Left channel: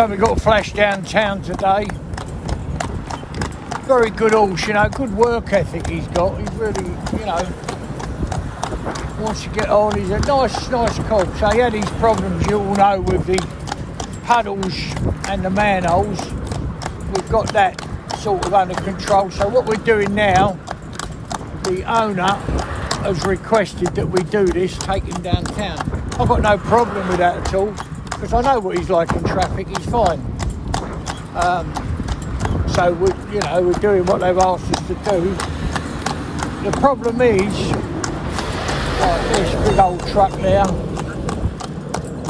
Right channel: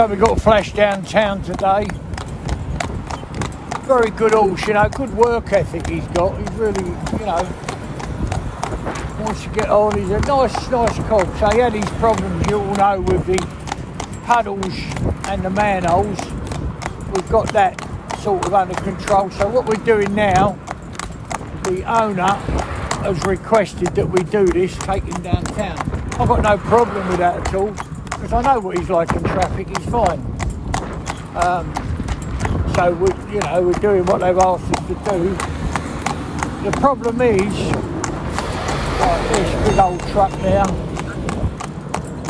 So we got a flash downtown today. Very good horse, you know, good work ethic he's got. He's really, you know, wants to get on. He's a nice cob. So he had these problems, you all know, with the puddles and the manholes. We've got that sort of under control. So what we're doing now, the owner has requested that we do this, take him downtown. I've got no problem with that at all, because I know what he's like in traffic. He's fine. So we're doing what they've asked us to do. The problem is, like this big old truck there,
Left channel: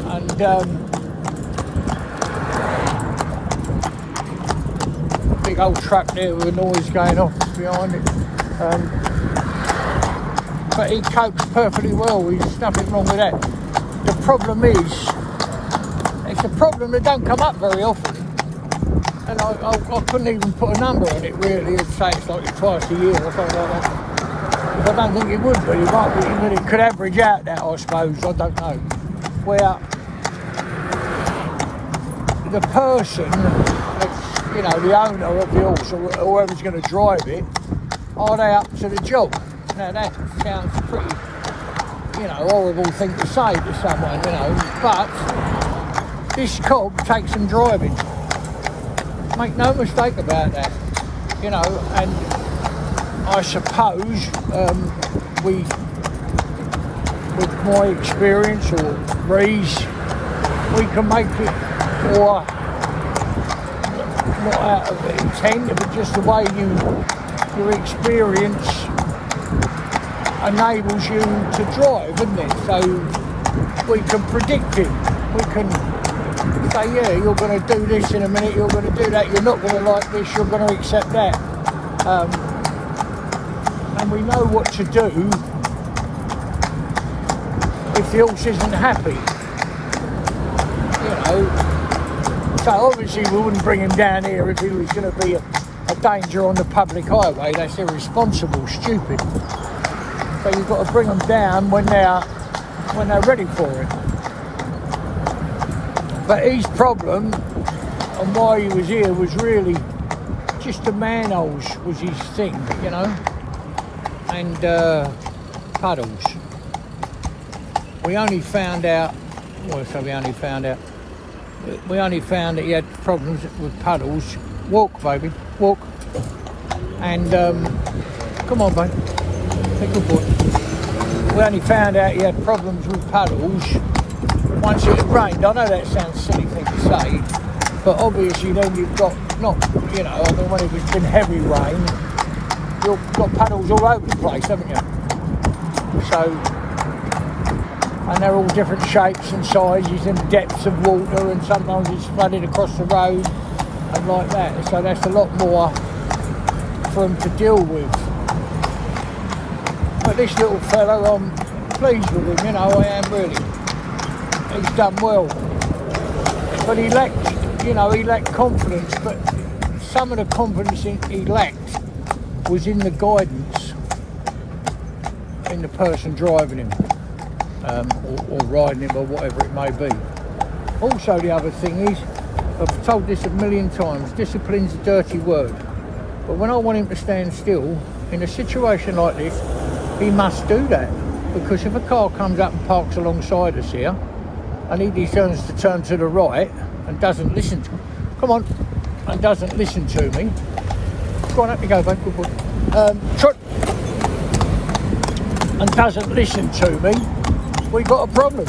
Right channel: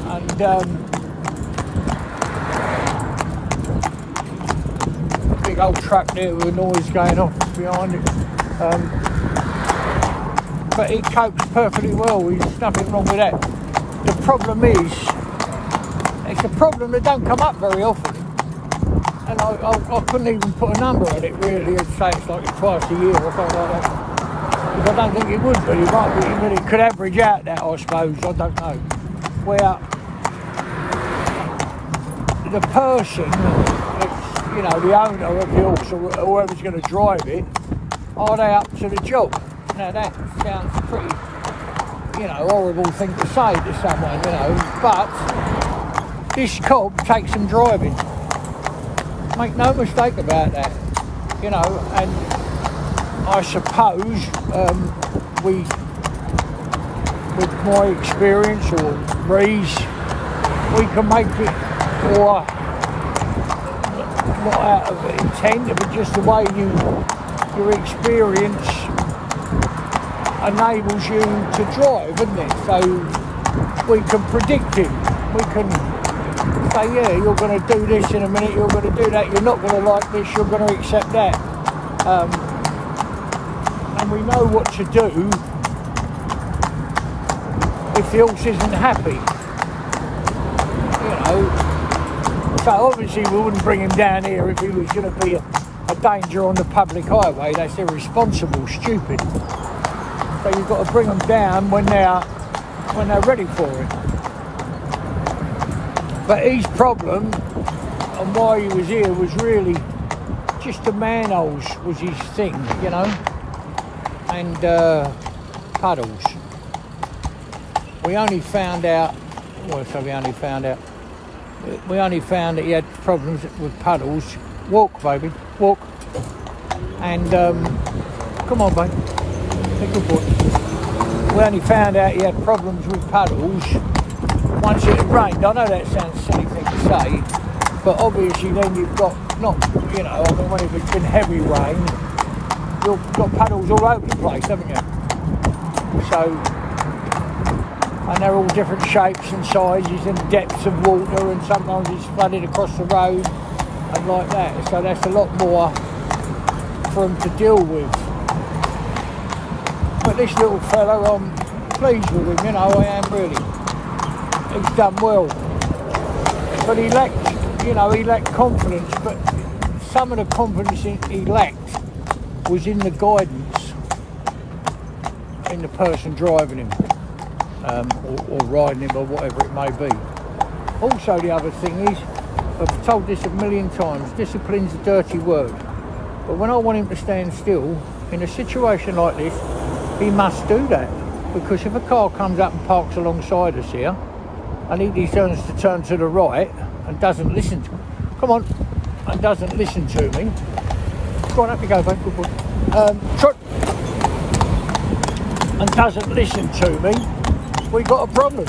and big old truck there with noise going off behind it. But he copes perfectly well. There's nothing wrong with that. The problem is, it's a problem that don't come up very often. And I couldn't even put a number on it really. I'd say it's like twice a year or something like that. Because I don't think it would be. It might be, but it could average out that, I suppose. I don't know. Where the person that's, you know, the owner of the horse or whoever's going to drive it, are they up to the job? Now that sounds pretty, you know, horrible thing to say to someone, you know, but this cob takes some driving. Make no mistake about that, you know, and I suppose with my experience or Ree's, we can make it more, not out of intent, but just the way your experience enables you to drive, isn't it? So we can predict it. We can say, yeah, you're going to do this in a minute, you're going to do that, you're not going to like this, you're going to accept that. And we know what to do if the horse isn't happy. You know, so obviously we wouldn't bring him down here if he was going to be a danger on the public highway. That's irresponsible, stupid. So you've got to bring them down when they're ready for it. But his problem, and why he was here, was really just the manholes was his thing, you know, and puddles. We only found out, we only found that he had problems with puddles. Walk, baby, walk. And, come on, babe. Good boy. We only found out he had problems with puddles once it had rained. I know that sounds a silly thing to say, but obviously then you've got, not, you know, I mean, when it's been heavy rain, you've got puddles all over the place, haven't you? So, and they're all different shapes and sizes and depths of water, and sometimes it's flooded across the road and like that. So that's a lot more for them to deal with. But this little fellow, I'm pleased with him, you know, I am really. He's done well. But he lacked confidence, but some of the confidence he lacked was in the guidance in the person driving him, or riding him, or whatever it may be. Also, the other thing is, I've told this a million times, discipline's a dirty word. But when I want him to stand still, in a situation like this, he must do that, because if a car comes up and parks alongside us here, and he decides to turn to the right and doesn't listen to, and doesnn't listen to me, go on, up you go, babe, good boy. Trot. And doesn't listen to me, we got a problem.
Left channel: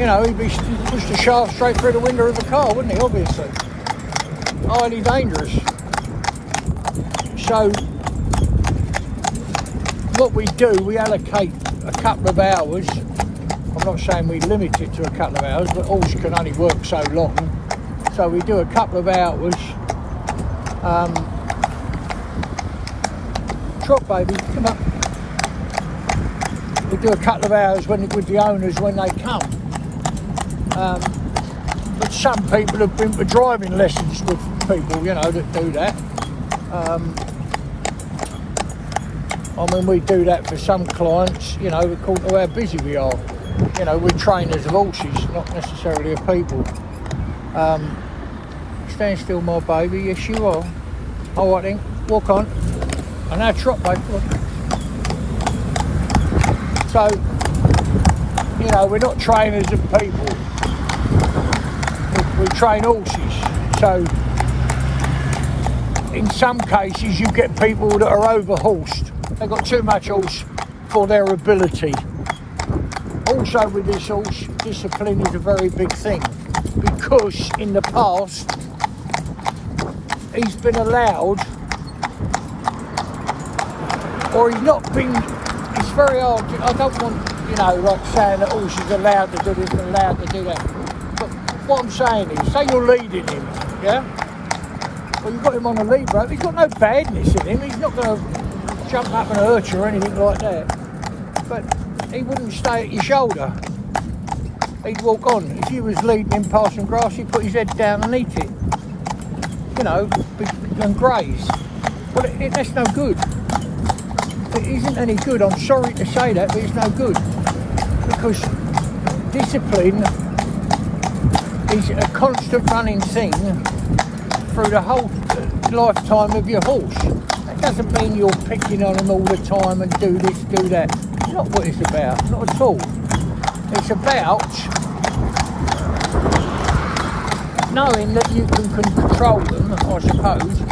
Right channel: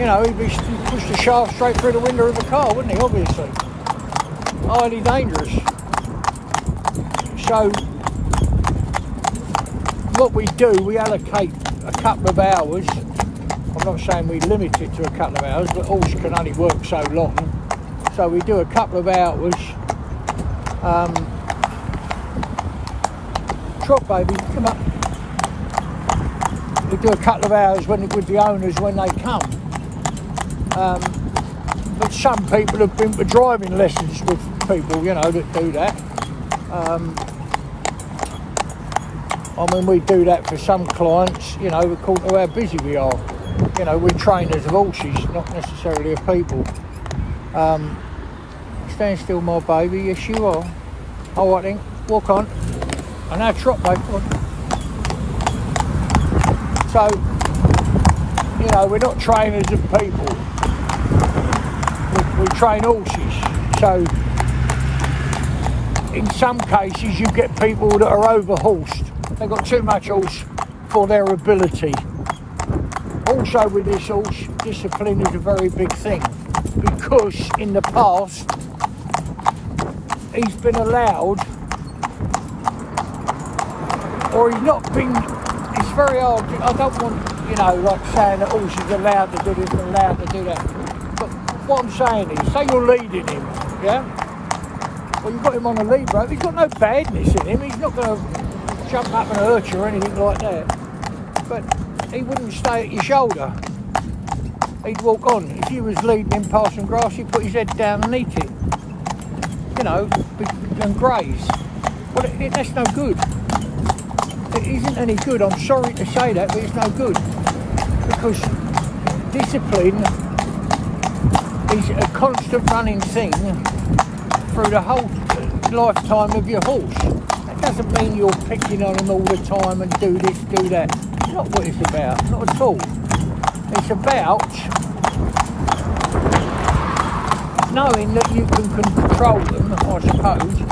You know, he'd be pushed a shaft straight through the window of the car, wouldn't he? Obviously, highly dangerous. So what we do, we allocate a couple of hours. I'm not saying we limit it to a couple of hours, but horse can only work so long. So we do a couple of hours. Trot, baby, come on. We do a couple of hours with the owners when they come. But some people have been to driving lessons with people, you know, that do that. I mean, we do that for some clients, you know, according to how busy we are. You know, we're trainers of horses, not necessarily of people. Stand still, my baby. Yes, you are. All right then, walk on. And now trot, mate. So, you know, we're not trainers of people. We train horses. So, in some cases, you get people that are over-horsed. They've got too much horse for their ability. Also, with this horse, discipline is a very big thing. Because in the past, he's been allowed, or he's not been, it's very hard, I don't want, you know, like saying that horse is allowed to do this and allowed to do that. But what I'm saying is, say you're leading him, yeah? Well, you've got him on a lead rope, he's got no badness in him, he's not going to jump up and hurt you or anything like that. But he wouldn't stay at your shoulder. He'd walk on. If you was leading him past some grass, he'd put his head down and eat it. You know, and graze. But that's no good. It isn't any good. I'm sorry to say that, but it's no good. Because discipline is a constant running thing through the whole lifetime of your horse. That doesn't mean you're picking on him all the time and do this, do that. It's not what it's about. Not at all. It's about knowing that you can control them, I suppose,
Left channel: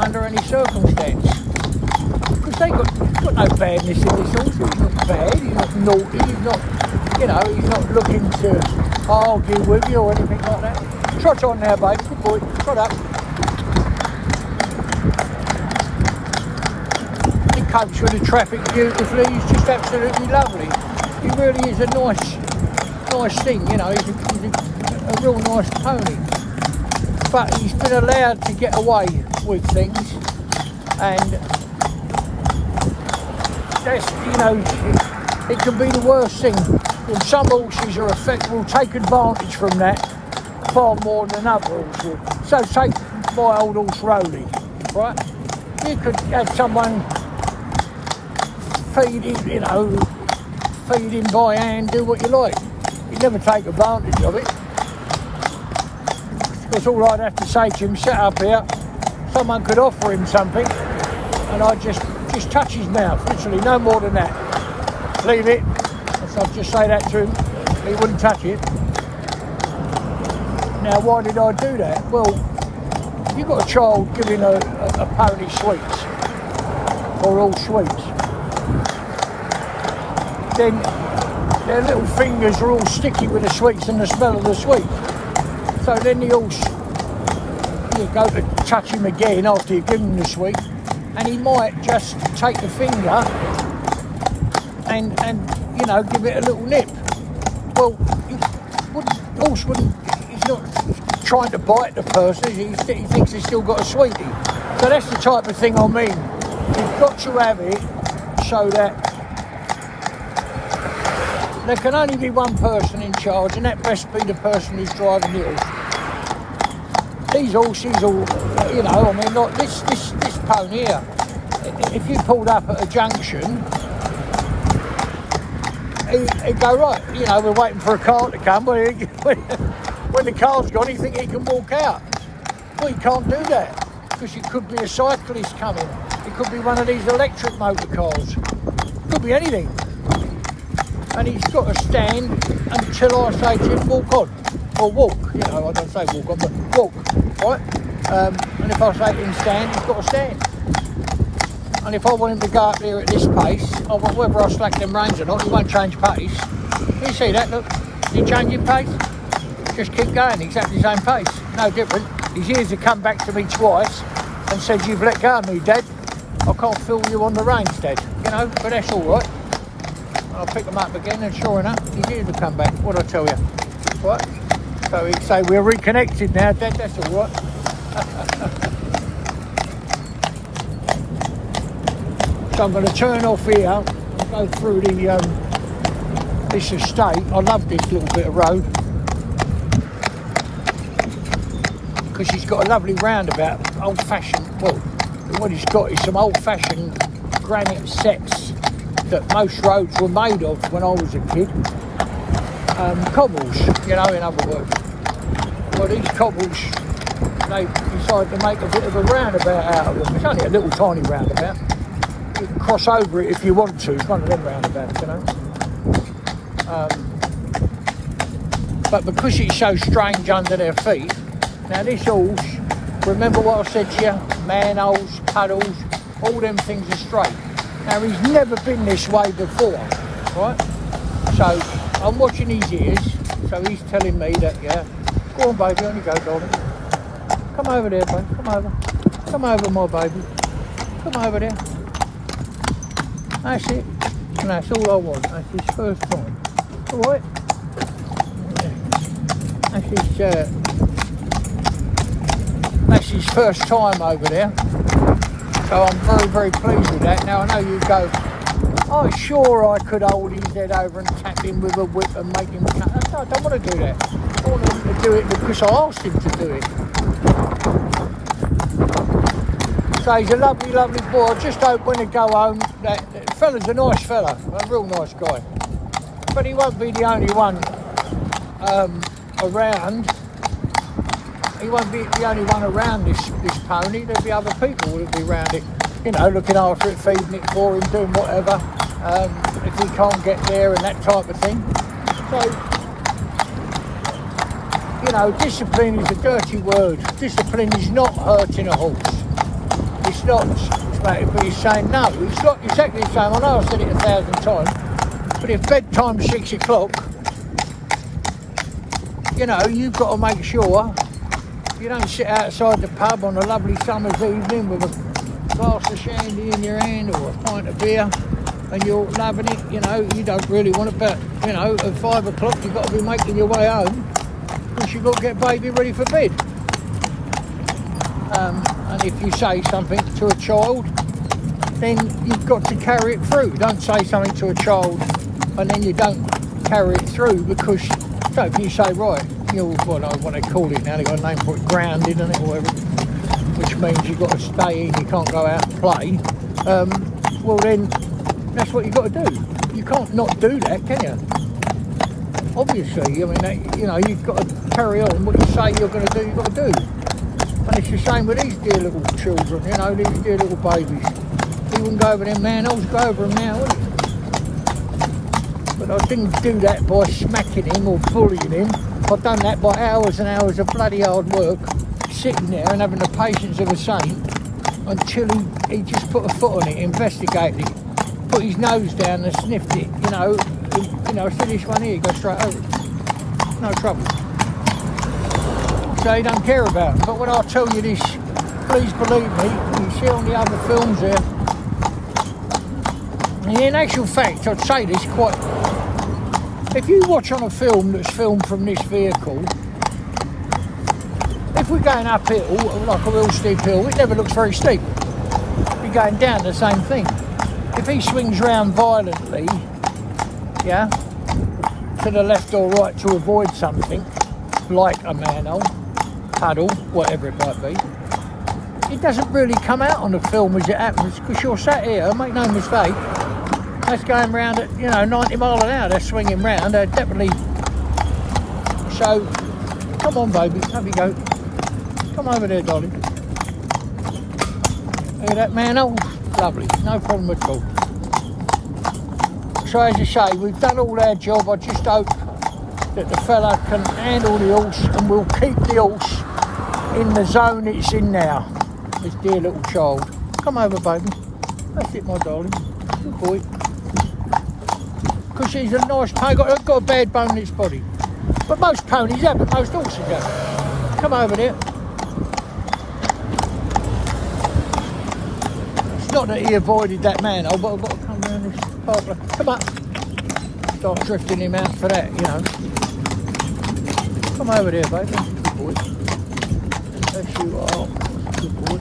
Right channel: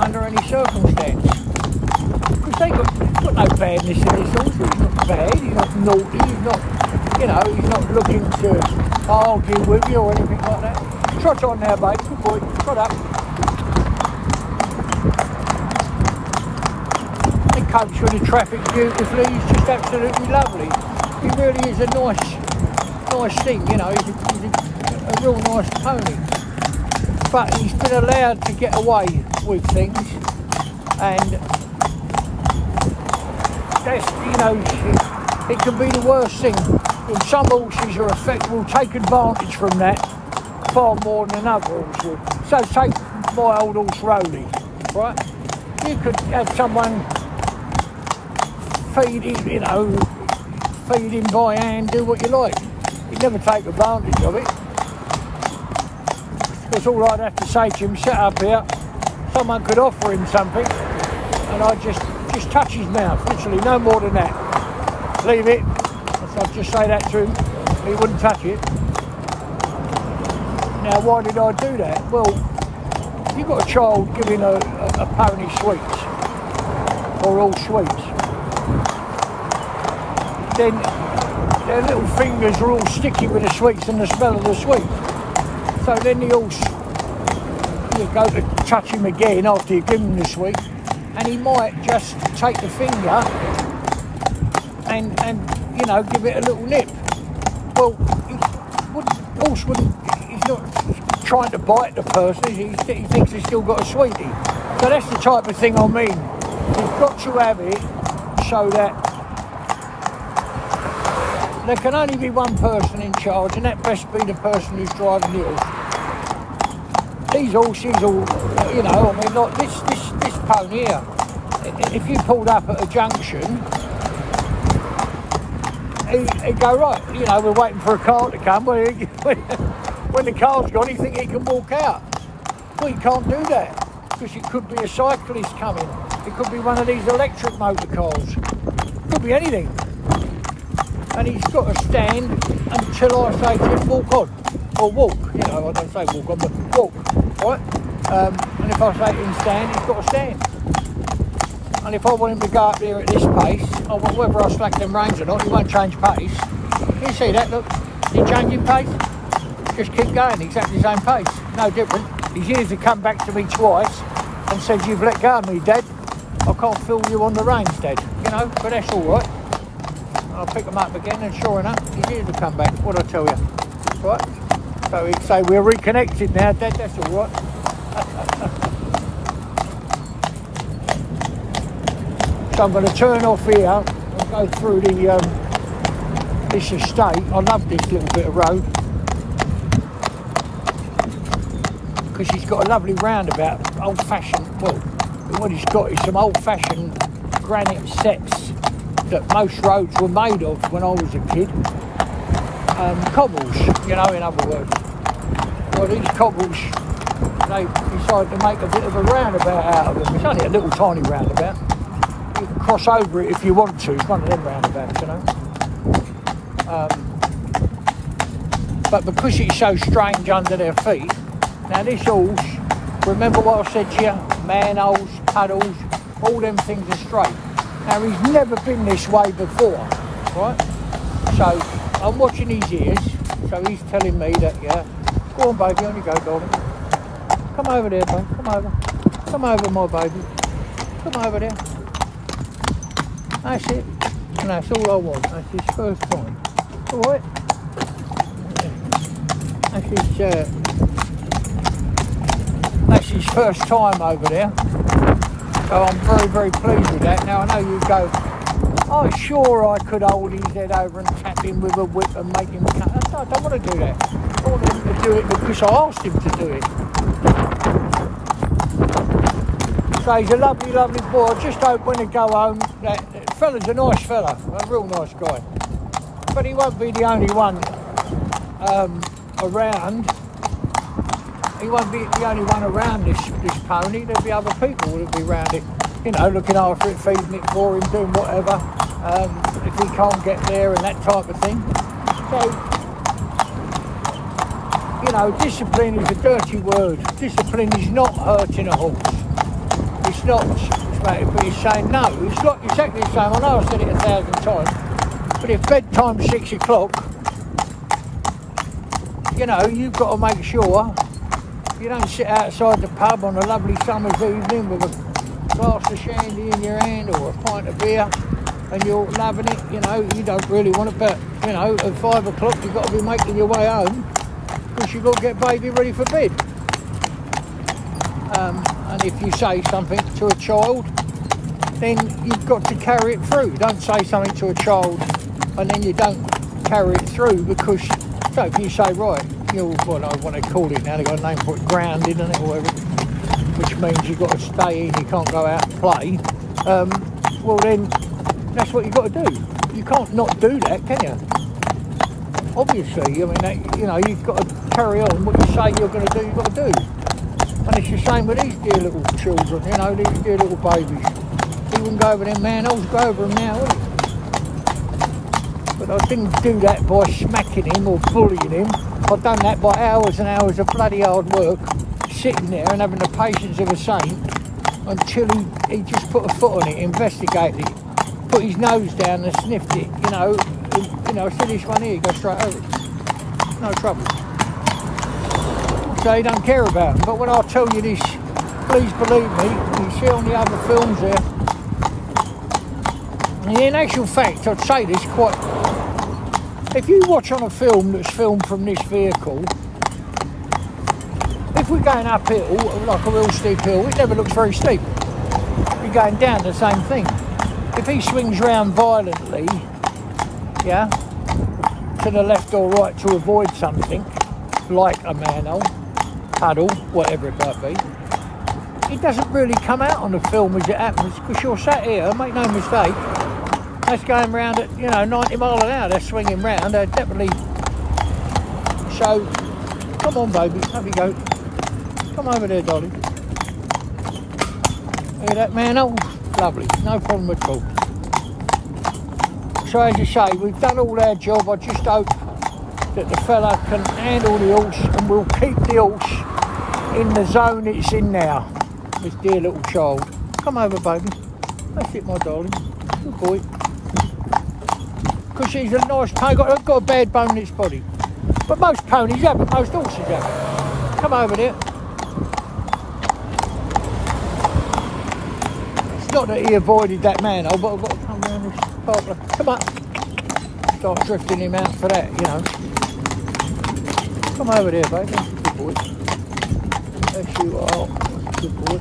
under any circumstance. Because they've got no badness in this horse. He's not bad, he's not naughty, he's not, you know, he's not looking to argue with you or anything like that. Trot on now, babe. Good boy. Trot up. He copes with the traffic beautifully. He's just absolutely lovely. He really is a nice thing, you know. He's a real nice pony. But he's been allowed to get away with things, and that's, you know, it can be the worst thing. And some horses will take advantage from that far more than another horse would. So take my old horse Rolly, right? You could have someone feed him, you know, feed him by hand, do what you like. You'd never take advantage of it. That's all I'd have to say to him, set up here, someone could offer him something, and I'd just touch his mouth, literally, no more than that. Leave it, so I'd just say that to him, he wouldn't touch it. Now, why did I do that? Well, if you've got a child giving a pony sweets, or all sweets, then their little fingers are all sticky with the sweets and the smell of the sweets. So then the horse, you go to touch him again after you give him the sweet, and he might just take the finger and you know, give it a little nip. Well, horse wouldn't, he's not trying to bite the person, he thinks he's still got a sweetie. So that's the type of thing I mean. You've got to have it so that there can only be one person in charge, and that best be the person who's driving the horse. These horses all, you know, I mean, like this pony here, if you pulled up at a junction, he'd go, right, you know, we're waiting for a car to come, but when the car's gone, you think he can walk out. Well, he can't do that, because it could be a cyclist coming, it could be one of these electric motor cars, it could be anything. And he's got to stand until I say to him, walk on, or walk, you know, I don't say walk on, but walk, right? And if I say to him stand, he's got to stand. And if I want him to go up there at this pace, whether I slack them reins or not, he won't change pace. You see that, look, he changing pace? Just keep going, exactly the same pace, no different. His ears have come back to me twice and said, you've let go of me, Dad. I can't feel you on the reins, Dad, you know, but that's all right. I'll pick them up again, and sure enough, his ears will come back. What'd I tell you? Right? So he'd say, we're reconnected now, Dad, that's all right. So I'm going to turn off here and go through this estate. I love this little bit of road, because he's got a lovely roundabout, old-fashioned, well, what he's got is some old-fashioned granite sets that most roads were made of when I was a kid. Cobbles, you know, in other words. Well, these cobbles, they decided to make a bit of a roundabout out of them. It's only a little tiny roundabout. You can cross over it if you want to. It's one of them roundabouts, you know. But because it's so strange under their feet, now this horse, remember what I said to you, manholes, puddles, all them things are straight. Now he's never been this way before, right? So I'm watching his ears, so he's telling me that, yeah, go on baby, on you go darling. Come over there, babe, come over. Come over my baby. Come over there. That's it. And that's all I want. That's his first time. Alright? That's his first time over there. So I'm very, very pleased with that. Now I know you go, oh sure I could hold his head over and tap him with a whip and make him cut. I don't want to do that. I want him to do it because I asked him to do it. So he's a lovely, lovely boy. I just hope when I go home, that fella's a nice fella, a real nice guy. But he won't be the only one around. He won't be the only one around this pony. There'll be other people that'll be around it, you know, looking after it, feeding it for him, doing whatever, if he can't get there and that type of thing. So, you know, discipline is a dirty word. Discipline is not hurting a horse. It's not, but he's saying no. It's not exactly the same. I know I've said it 1,000 times, but if bedtime's 6 o'clock, you know, you've got to make sure you don't sit outside the pub on a lovely summer's evening with a glass of shandy in your hand or a pint of beer and you're loving it. You know, you don't really want to bet. You know, at 5 o'clock you've got to be making your way home because you've got to get baby ready for bed. And if you say something to a child, then you've got to carry it through. Don't say something to a child and then you don't carry it through because, so if you say, right, you're, what they call it now, they've got a name for it, grounded, and which means you've got to stay in, you can't go out and play, well then, that's what you've got to do. You can't not do that, can you? Obviously, I mean, that, you know, you've got to carry on what you say you're going to do, you've got to do. And it's the same with these dear little children, you know, these dear little babies. You wouldn't go over them manholes, go over them now, would you? But I didn't do that by smacking him or bullying him. I've done that by hours and hours of bloody hard work, sitting there and having the patience of a saint until he just put a foot on it, investigated it, put his nose down and sniffed it, you know, see this one here, go straight over it. No trouble. So he don't care about it. But when I tell you this, please believe me, you see on the other films there, and in actual fact, I'd say this quite, if you watch on a film that's filmed from this vehicle, if we're going uphill, like a real steep hill, it never looks very steep. You're going down the same thing. If he swings round violently, yeah, to the left or right to avoid something, like a manhole, puddle, whatever it might be, it doesn't really come out on the film as it happens, because you're sat here, make no mistake, that's going round at, you know, 90 miles an hour, they're swinging round, they're definitely, so, come on baby, have you go, come over there darling, hear that manhole, lovely, no problem at all. So as you say, we've done all our job, I just hope that the fella can handle the horse and we'll keep the horse in the zone it's in now, this dear little child. Come over baby, that's it my darling, good boy. Because he's a nice pony, got a bad bone in its body. But most ponies have it, most horses have it. Come over there. It's not that he avoided that manhole, but I've got to come round this park. Come on. Start drifting him out for that, you know. Come over there, baby. Good boy. There you are. Good boy.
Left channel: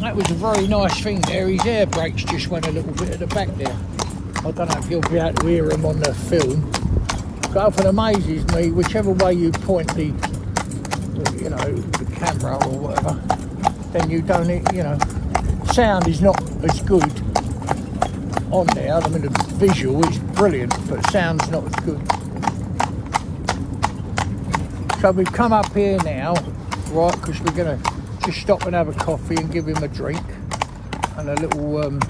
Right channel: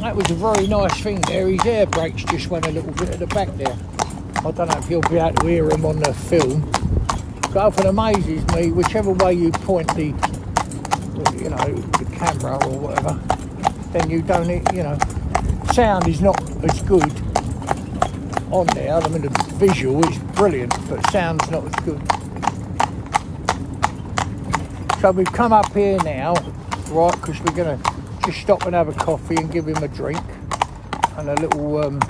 That was a very nice thing there. His air brakes just went a little bit at the back there. I don't know if you'll be able to hear him on the film, but often amazes me, whichever way you point the, you know, the camera or whatever, then you don't, you know, sound is not as good on there. I mean, the visual is brilliant, but sound's not as good. So So we've come up here now, right, because we're going to just stop and have a coffee and give him a drink and a little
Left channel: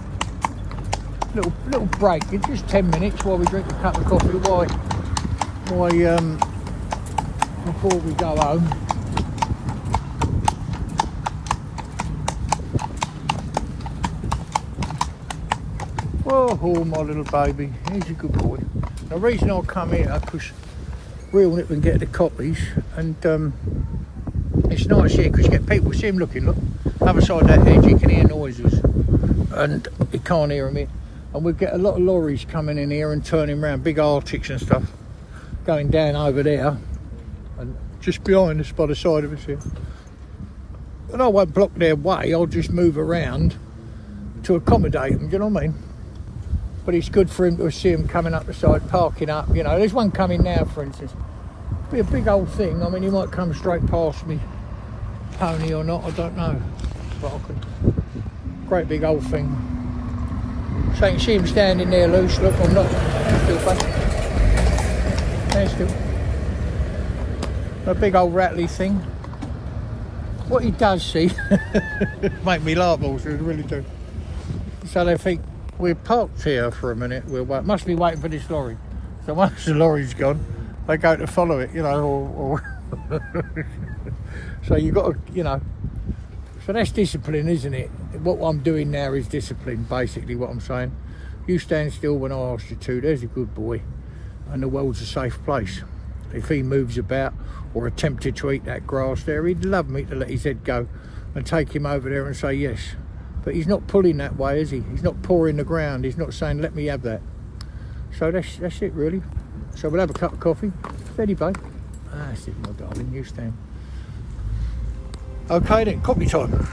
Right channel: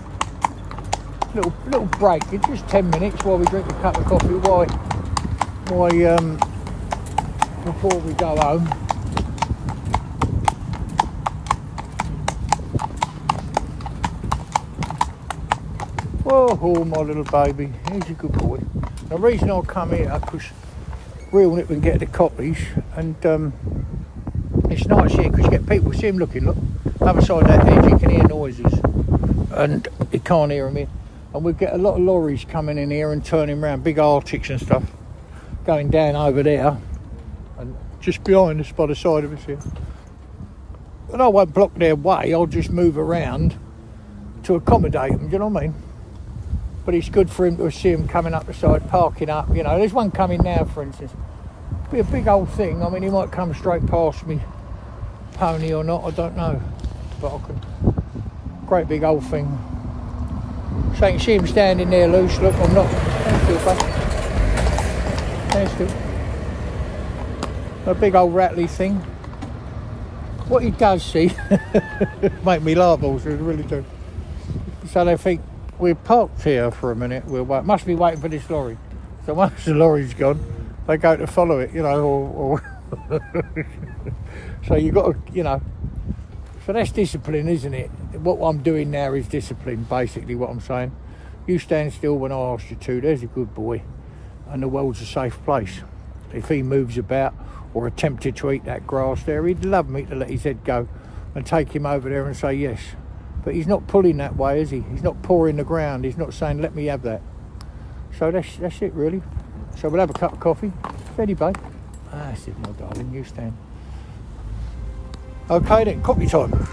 little break. It's just 10 minutes while we drink a cup of coffee. Before we go home. Oh, my little baby, he's a good boy. The reason I'll come here, because reel nip and get the copies, and it's nice here because you get people, see him looking, look, other side of that edge, you can hear noises, and you can't hear them here. And we get a lot of lorries coming in here and turning around, big Arctics and stuff, going down over there, and just behind us by the side of us here. And I won't block their way, I'll just move around to accommodate them, do you know what I mean? But it's good for him to see him coming up the side, parking up, you know. There's one coming now, for instance. Be a big old thing. I mean, he might come straight past me, pony or not, I don't know. But I can. Great big old thing. So you can see him standing there loose. Look, I'm not. Still fun. There's still. A big old rattly thing. What he does see, make me laugh also, it really do. So they think, we're parked here for a minute, must be waiting for this lorry. So once the lorry's gone, they go to follow it, you know, or so you got to, you know, so that's discipline, isn't it? What I'm doing now is discipline, basically what I'm saying. You stand still when I ask you to, there's a good boy, and the world's a safe place. If he moves about or attempted to eat that grass there, he'd love me to let his head go and take him over there and say yes. But he's not pulling that way, is he? He's not pawing the ground. He's not saying, let me have that. So that's it, really. So we'll have a cup of coffee. Steady, babe. That's it, my darling. You stand. Okay then, coffee time.